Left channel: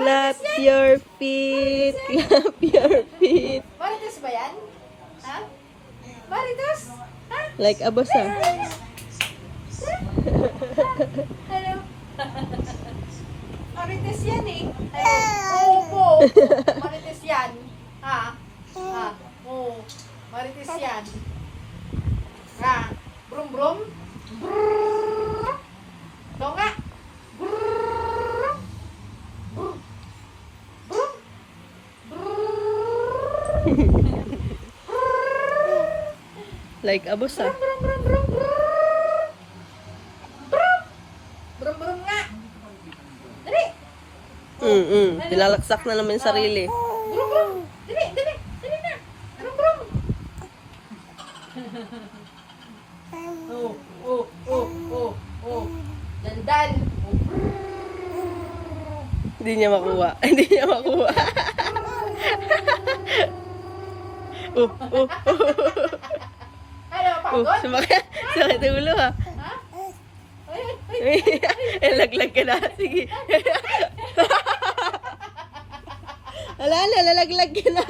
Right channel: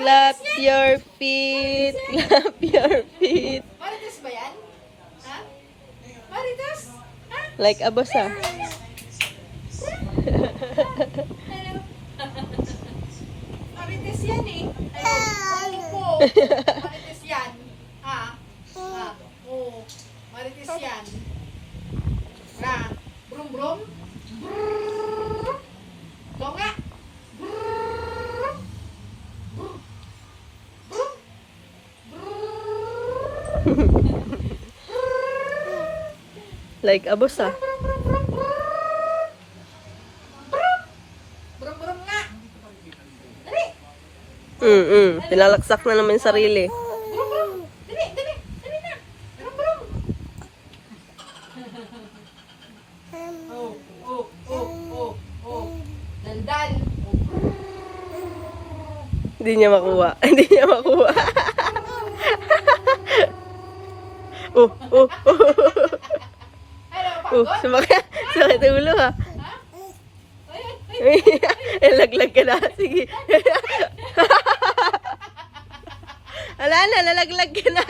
Clap your feet. Clap your feet. Marites ba yan? Ha? Marites? Ha? Like a boss ah. Ano? Marites yan eh. Opo. Marites yan. Ha? Ha? Oo. Marites yan. Ha? Brum brum. Brrrr. Oo nga. Brrrr. Brum. Brum. Brrrr. Like a boss ah. Brum brum brum brum. Brum. Brum brum nga. Dali. Pilalaksak na naman yung sarili. Brum brum. Dali, dali. Dali na. Brum brum. Oh, oh, oh, oh, oh. Daldal. Oh. Hindi niya makuha. Hindi niya makuha. Ano, pagod? Sumakit ang ulo ha. Ha? Ay, ay, ay. Laglag ka na. Sige. Wala na, lalaglag ka na.